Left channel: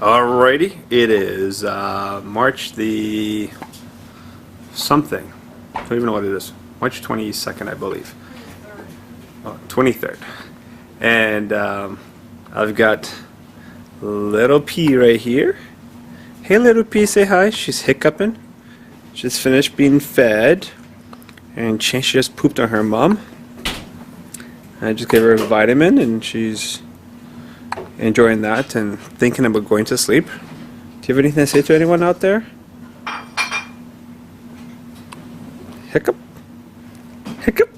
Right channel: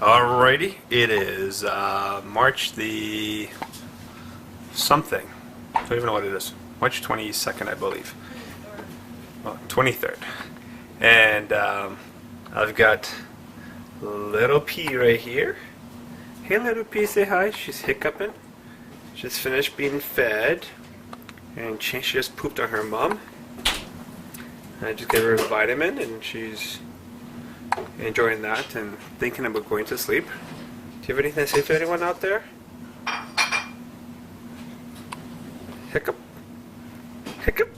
Alrighty, it is March the something. I don't even know what it is. March 22nd, I believe. Oh, 23rd. And I've got little P right here. Hey, little P, say hi. She's hiccuping. Just finished being fed. And she just pooped on her mom. I just gave her a vitamin and she's enjoying that and thinking about going to sleep. Do you have anything to say to anyone out there? Hiccup? Hiccup?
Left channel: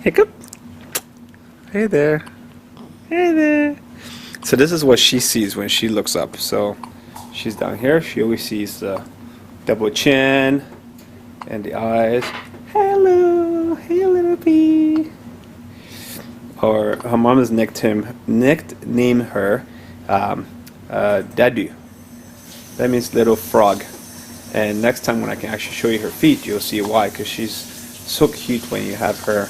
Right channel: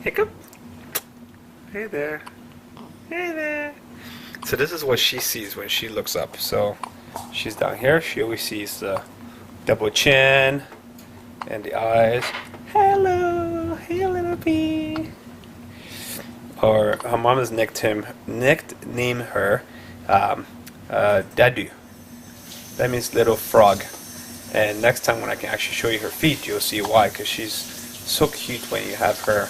Hiccup? Hey there. Hey there. So this is what she sees when she looks up. So she's down here. She always sees the double chin and the eyes. Hello. Hey, little pea. Or her mom has nicknamed her Dadu. That means little frog. And next time when I can actually show you her feet, you'll see why. Because she's so cute when you have her.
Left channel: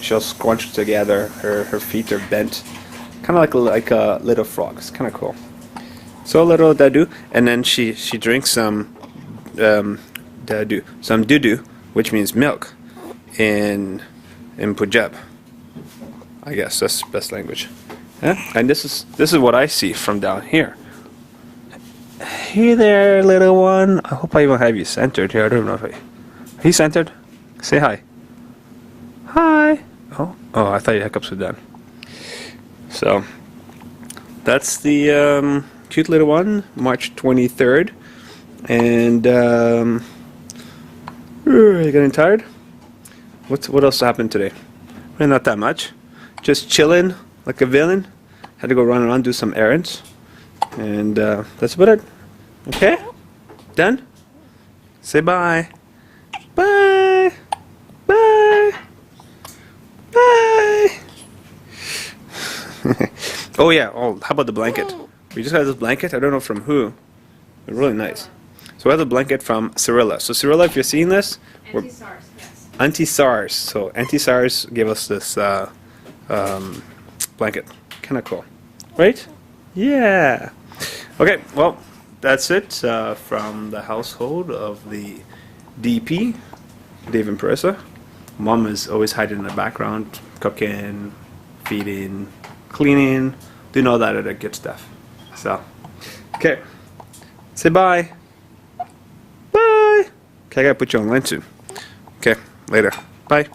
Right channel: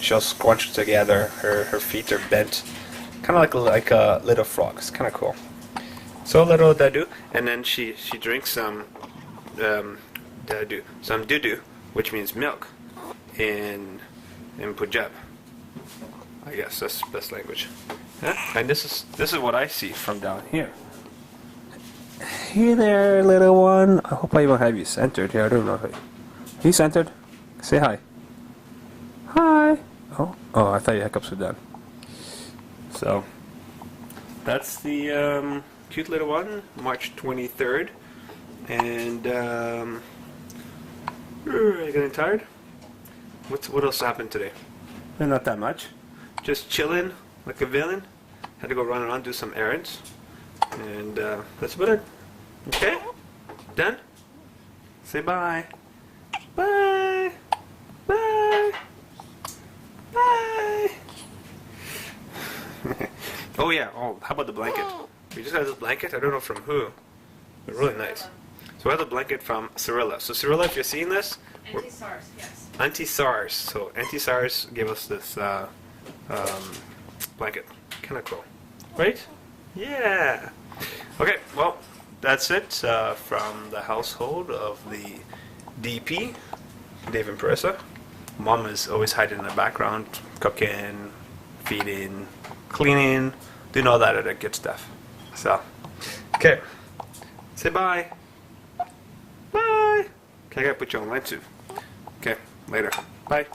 She'll scrunch together. Her feet are bent, kind of like a little frog. It's kind of cool. So little Dadu, and then she drinks some dudu, which means milk, in Punjab. I guess that's the best language. Yeah? And this is what I see from down here. Hey there, little one. I hope I even have you centered here. I don't know if are you centered? Say hi. Hi. Oh, I thought your hiccups were done. So that's the cute little one, March 23rd. And are you getting tired? What else happened today? Well, not that much. Just chilling like a villain. Had to go run around, do some errands. And that's about it. Okay? Done? Say bye. Bye. Bye. Bye. Oh yeah, how about the blanket? We just got this blanket, I don't know from who. But really nice. So we have the blanket from Cirilla. So Cirilla, if you're seeing this, Anti-SARS, yes. Anti-SARS. So Anti-SARS gave us this blanket. Kind of cool. Right? Yeah. Okay, well, that's it from the household of the DP, Dave and Parissa. Mom is always hiding in the background, cooking, feeding, cleaning, doing all that other good stuff. So, okay. Say bye. Bye. Okay, I gotta put you on line soon. Okay, later. Bye.